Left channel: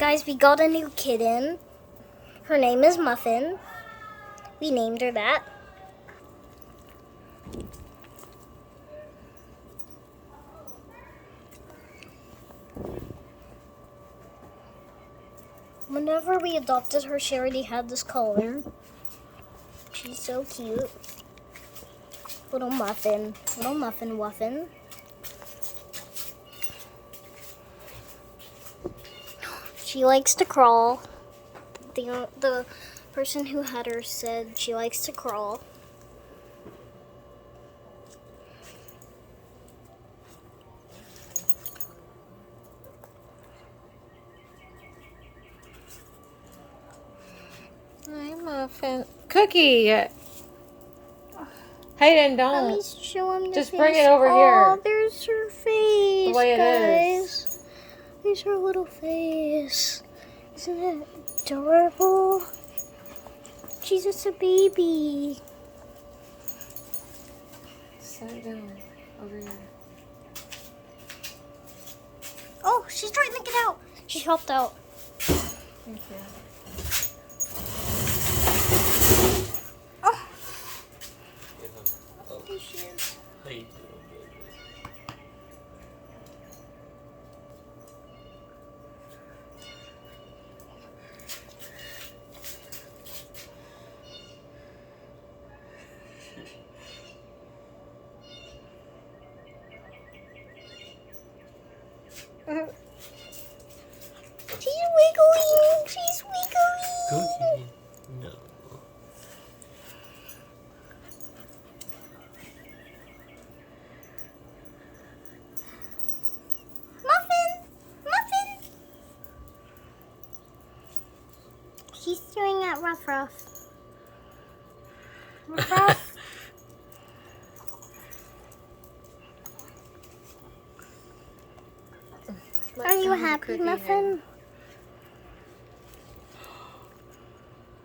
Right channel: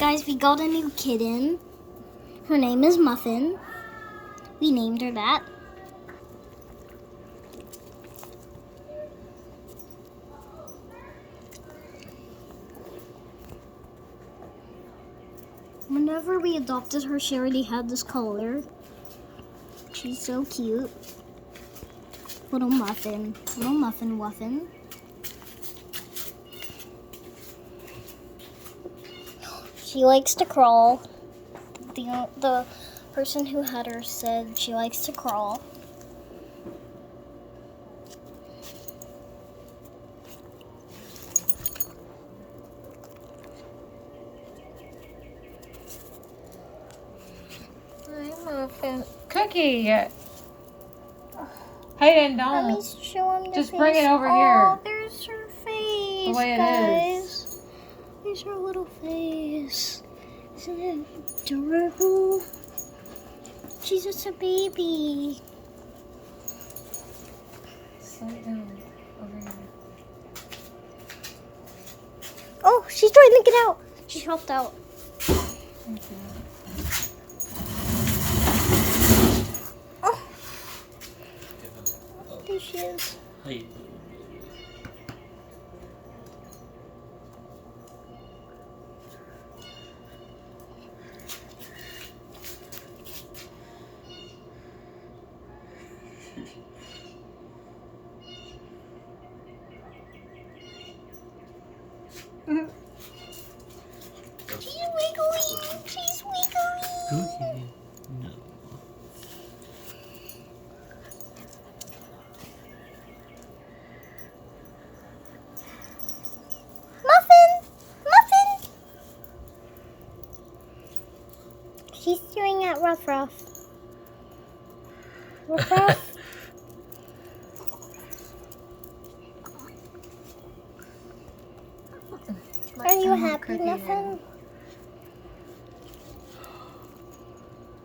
Guys, we got a new kitten. Her name is Muffin. We named her that. Whenever we adopted her, she already had this color. She's so cute. Little Muffin. Little Muffin Wuffin. She likes to crawl. The person who had her said she likes to crawl. Hi, Muffin. Cookie. Hayden, don't. Let me show him the Just face. bring it over oh, here. There's her face, The way it guys. is. There's her little face. Isn't it adorable? She's just a baby. Sit down over here. Oh, she's trying to get out. She hopped out. Okay. Oh. There she is. Wait. She's wiggling. She's wiggling. Okay. No. Muffin! Muffin! She's staring at Ruff Ruff. Ruff Ruff. Are you happy, Cookie Muffin?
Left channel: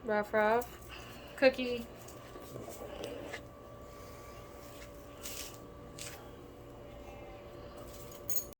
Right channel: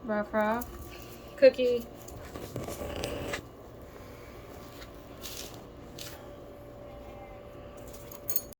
Ruff Ruff. Cookie.